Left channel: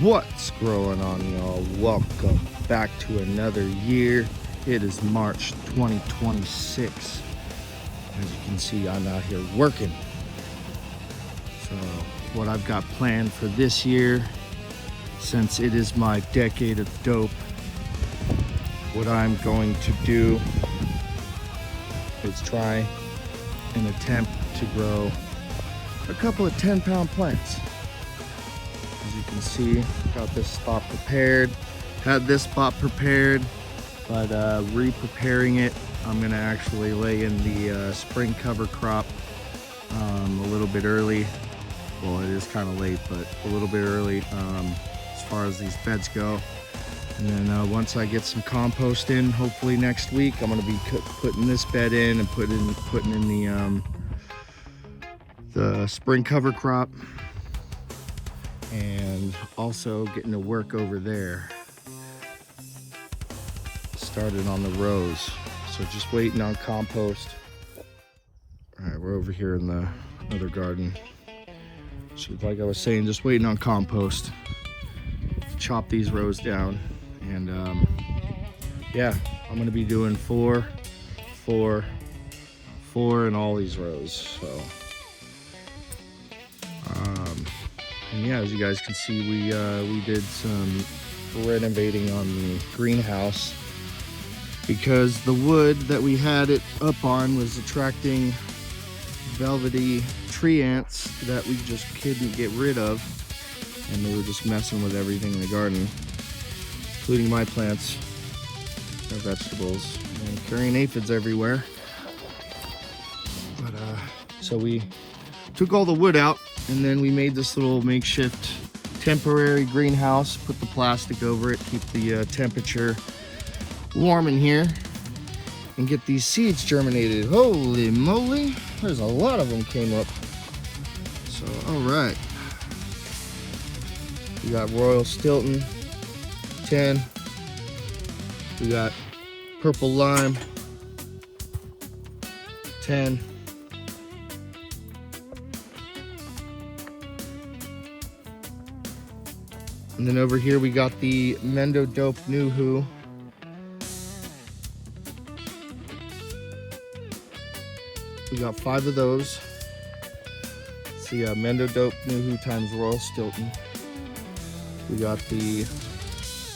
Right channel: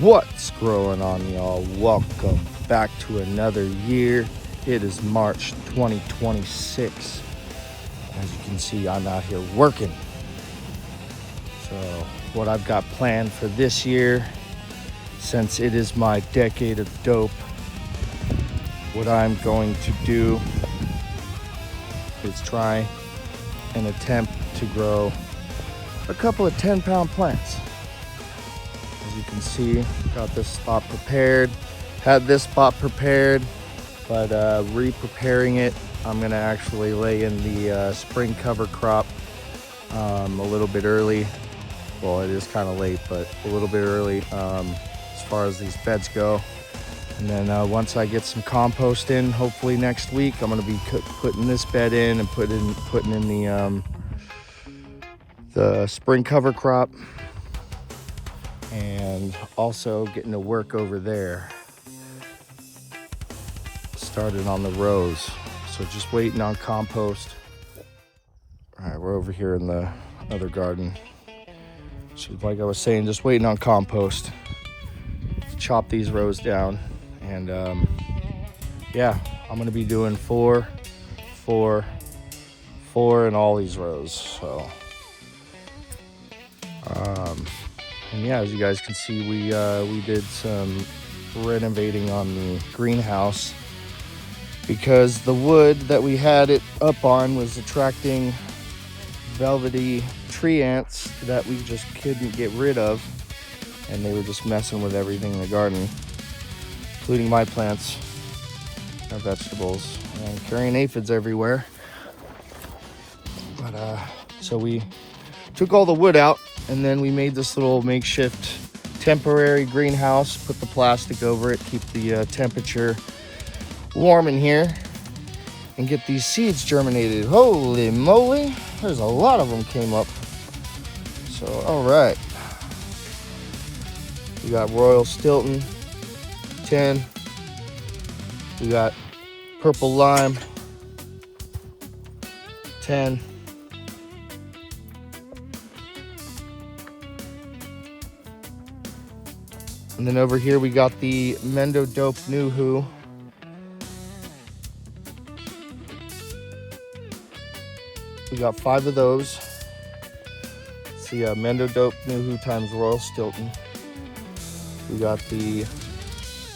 What's growing on, y'all? Welcome back to another year. It is March 2026. As you can see, I'm out here working. So what I've got planned for this year, since it is my decade of dope, what I'm going to do is try and attempt to grow a couple of 10-pound plants. See, got this spot prepared, had this spot prepared, but re-preparing it, I'm gonna actually lay in the spring cover crop a little bit early. Well, it is kind of late, but a little bit early as far as these beds go. And then once I get some compost in, hopefully next week, I'm gonna be putting this bed in and putting in the spring cover crop. And also getting to work over there. Started on the rows, so just waiting on compost. All right, we're over here in the other garden. So like I was saying, just waiting on compost to chop these rows down. And yeah, I'm gonna be doing four in all these rows. So and yeah, as you guys can see, we did some renovating on the greenhouse because the wood that we had it up on was attracting velvety tree ants that we just couldn't get rid of, and they were just messing with everything in the garden, including my plants, our vegetables, and carrying aphids everywhere. But so we took all the wood out, and then we made this little makeshift temporary greenhouse, put the plastic over it, keep the temperature warm in here, and get these seeds germinated. Holy moly, there's a lot of them came up. So, all right. We got Royal Stilton, 10. We got Purple Lime, 10. And then over here we got the Mendo Dope Nuhu. We got 5 of those. It's the Mendo Dope Nuhu times Royal Stilton. We got the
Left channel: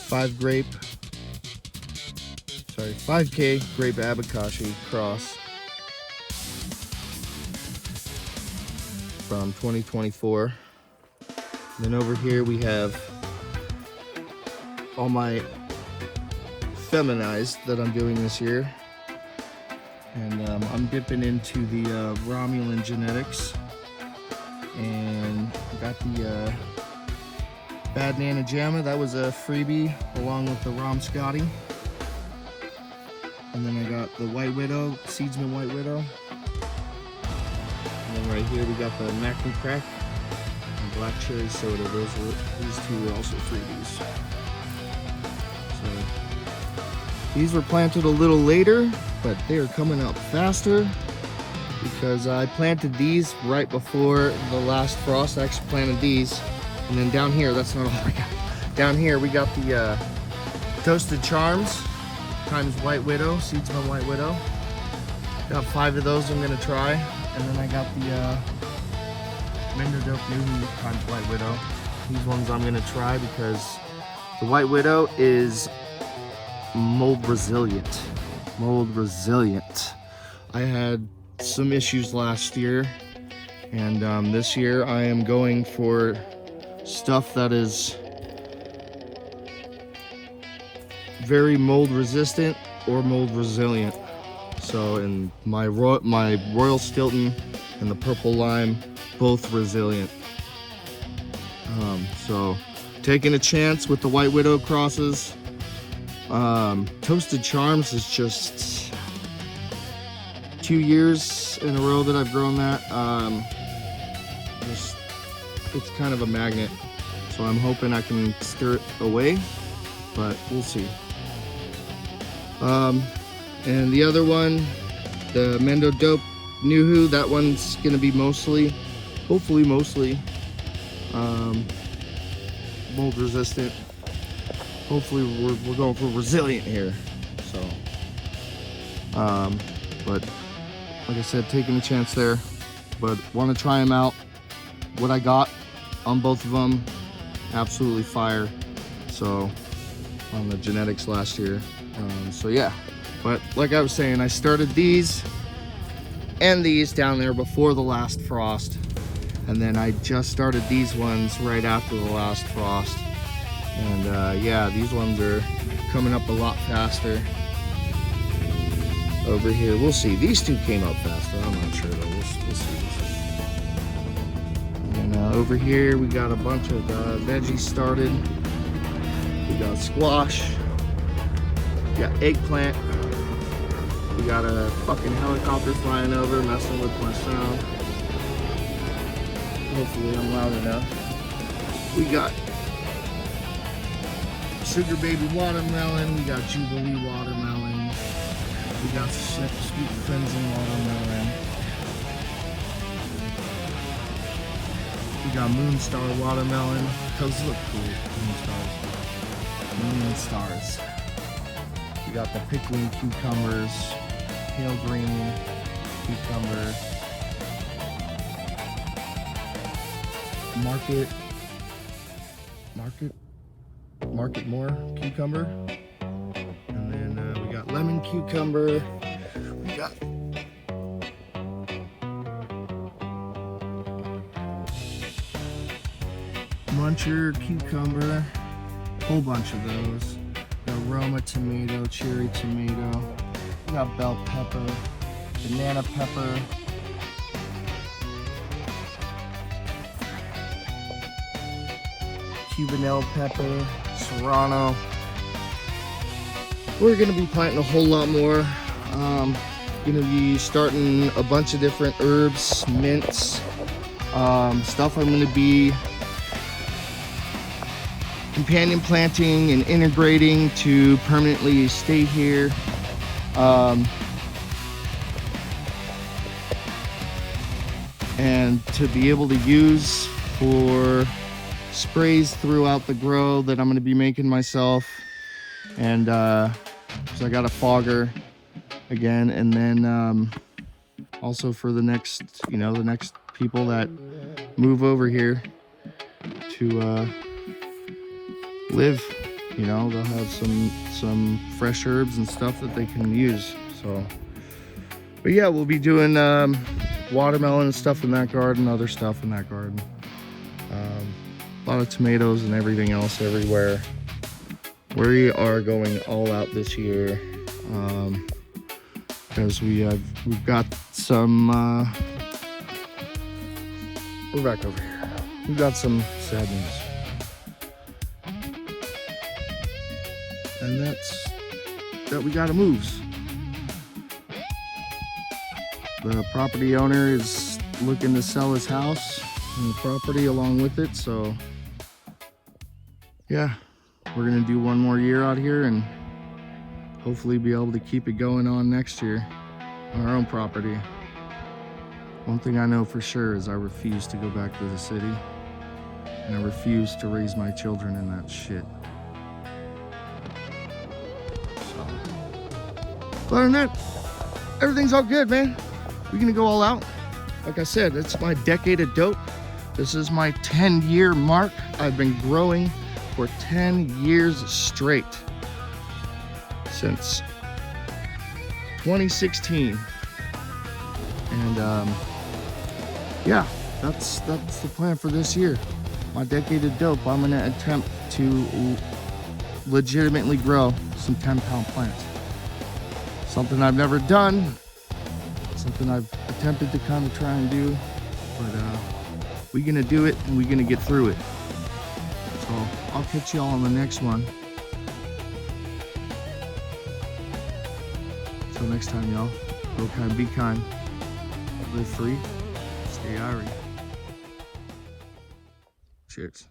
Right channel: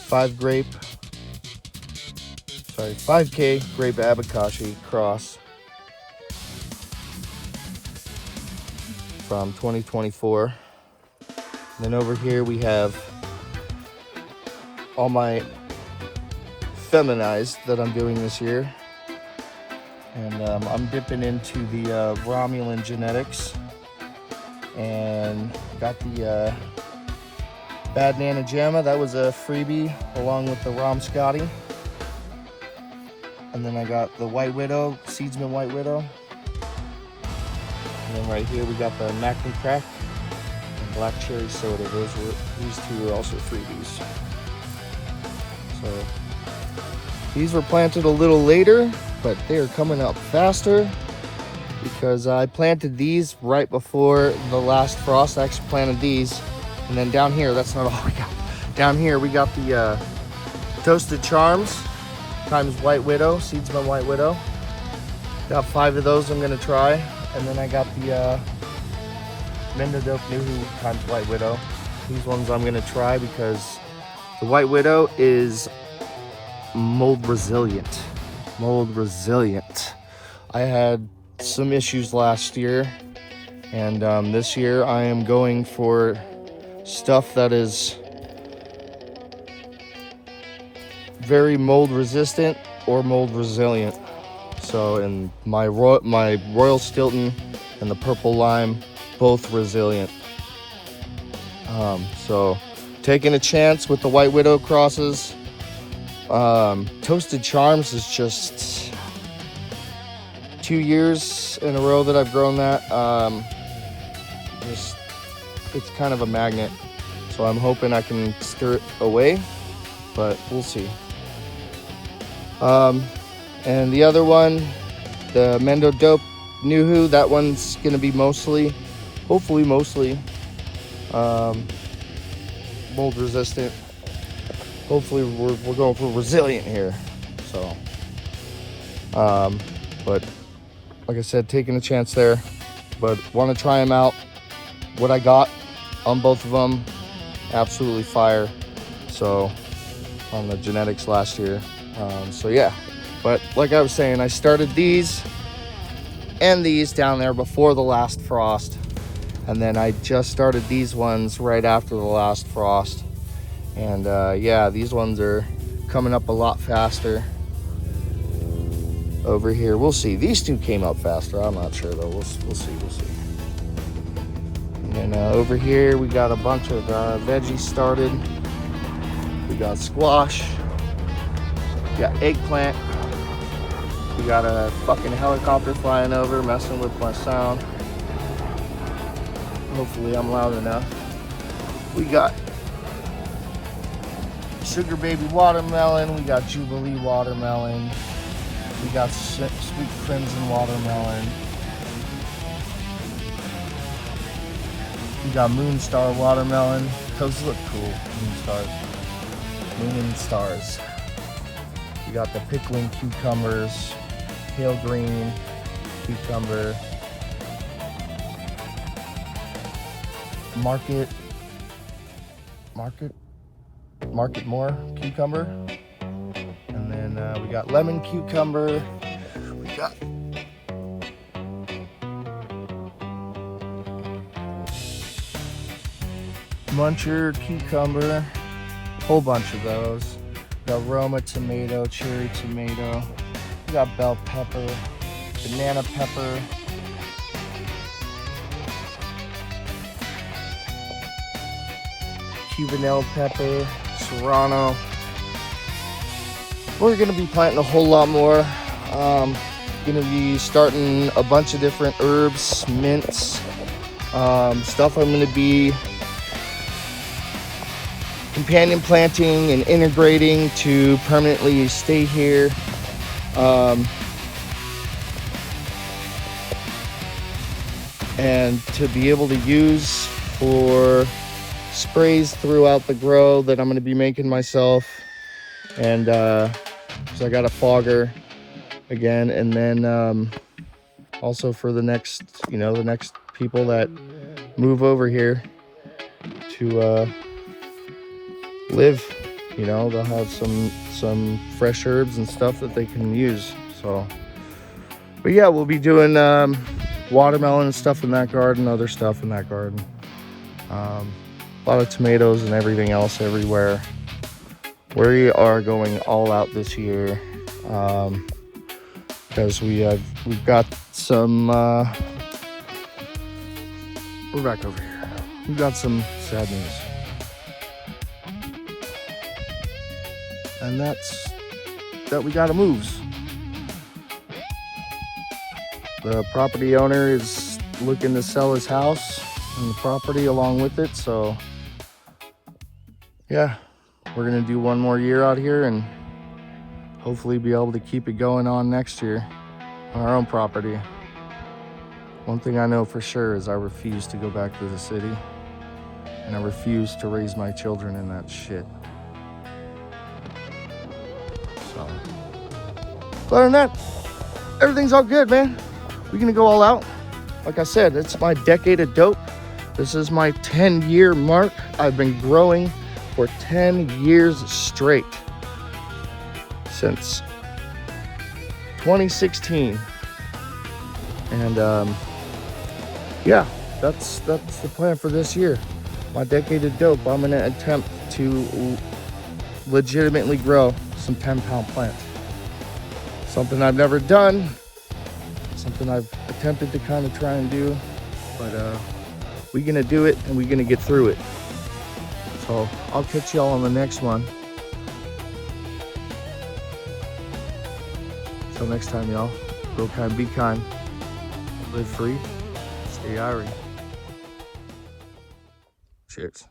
5K Grape Abacashi cross from 2024. And then over here we have all my feminized that I'm doing this year, and I'm dipping into the Romulan genetics, and got the Bad Nana Gemma. That was a freebie along with the Rom Scotty. And then I got the White Widow, Seedsman White Widow. And then right here we got the Mac and Crack and Black Cherry Soda. These two were also freebies. These were planted a little later, but they are coming up faster because I planted these right before the last frost. I actually planted these, and then down here, that's not all we got. Down here we got the Toasted Charms times White Widow, Seedsman White Widow. Got 5 of those I'm gonna try, and then I got the Mendo Dope Nuhu times White Widow. These ones I'm gonna try because the White Widow is mold resilient. I had some issues last year, and this year I am going for stuff that is very mold resistant or mold resilient. So, and my Royal Stilton and the Purple Lime, both resilient. So taking a chance with the White Widow crosses. Toasted Charms is just 2 years in a row that I've grown that. It's kind of a magnet, so I'm hoping I can stir it away, but we'll see. And the other one, the Mendo Dope Nuhu, that one's gonna be hopefully mostly mold resistant. Hopefully we're going for resilient here. So, but like I said, taking a chance there, but want to try them out. What I got on both of them, absolutely fire. So on the genetics last year. So yeah, but like I was saying, I started these and these down there before the last frost. And then I just started these ones right after the last frost. And yeah, these ones are coming up a lot faster. Over here, we'll see. These two came up faster. I'm not sure though. We'll see. And over here, we got a bunch of veggies started. We got squash. We got eggplant. We got a fucking helicopter flying over, messing with my sound. Hopefully I'm loud enough. We got sugar baby watermelon. We got Jubilee watermelon. We got sweet crimson watermelon. We got Moonstar watermelon. Those look cool, Moonstars. Moon and stars. We got the pickling cucumbers, pale green cucumber. Market more cucumber. And then we got lemon cucumber. We got muncher cucumber, whole bunch of those. We got Roma tomato, cherry tomato. We got bell pepper, banana pepper. Cubanelle pepper, serrano. We're gonna be planting a whole lot more. Gonna be starting a bunch of different herbs, mints, stuff I'm gonna be companion planting and integrating to permanently stay here. And to be able to use for sprays throughout the grow that I'm going to be making myself. And so I got a fogger again, and then also for the next, the next people that move over here to live, they'll have some fresh herbs and stuff that they can use. So, but yeah, we'll be doing watermelon and stuff in that garden, other stuff in that garden. A lot of tomatoes and everything else everywhere. We are going all out this year because we've got some. We're back over here. We've got some sad news, and that's that we gotta move. The property owner is looking to sell his house and the property along with it, so yeah, we're gonna do one more year out here and hopefully be able to keep it going on next year on our own property. One thing I know for sure is I refuse to go back to the city, and I refuse to raise my children in that shit. So, but other than that, everything's all good, man. We're gonna go all out. Like I said, it's my decade of dope. This is my 10-year mark. I've been growing for 10 years straight, since 2016. And yeah, that's the plan for this year. My decade of dope. I'm gonna attempt to legitimately grow some 10-pound plants. Something I've never done, something I've attempted to kind of try and do, but we're gonna do it and we're gonna get through it. So I'll catch y'all on the next one. Till next time, y'all. Grow kind, be kind. Live free. Stay irie. Cheers.